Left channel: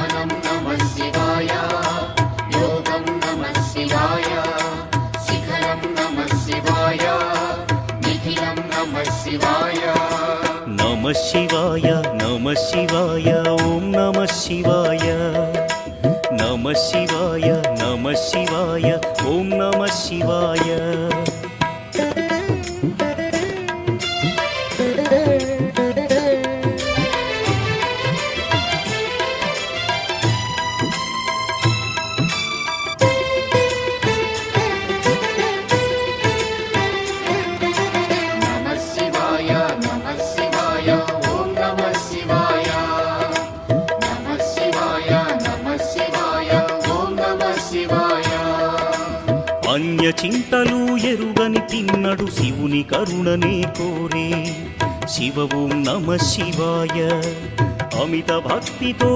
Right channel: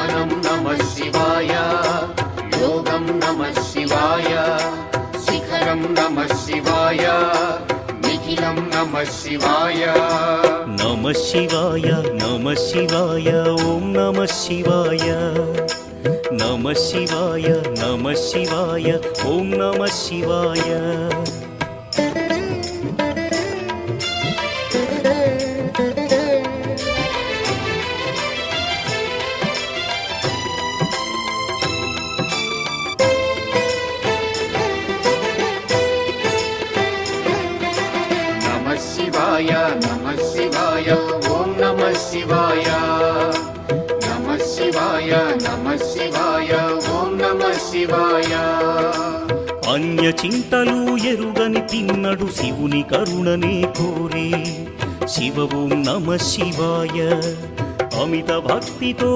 జ్ఞానం నమః శివాయ, యోగం నమః శివాయ, శిఖరం నమః శివాయ, నిఖిలం నమః శివాయ. నమః శివాయ నమః శివాయ ఓం నమః శివాయ. నమః శివాయ నమః శివాయ ఓం నమః శివాయ. నమః శివాయ నమః శివాయ ఓం నమః శివాయ. నమః శివాయ నమః శివాయ ఓం నమః శివాయ. అన్య చింతలు ఎరుగని తిన్నడు శివుని కరుణనే కోరే. శివ ఓం నమః శివాయ. అమిత భక్తితో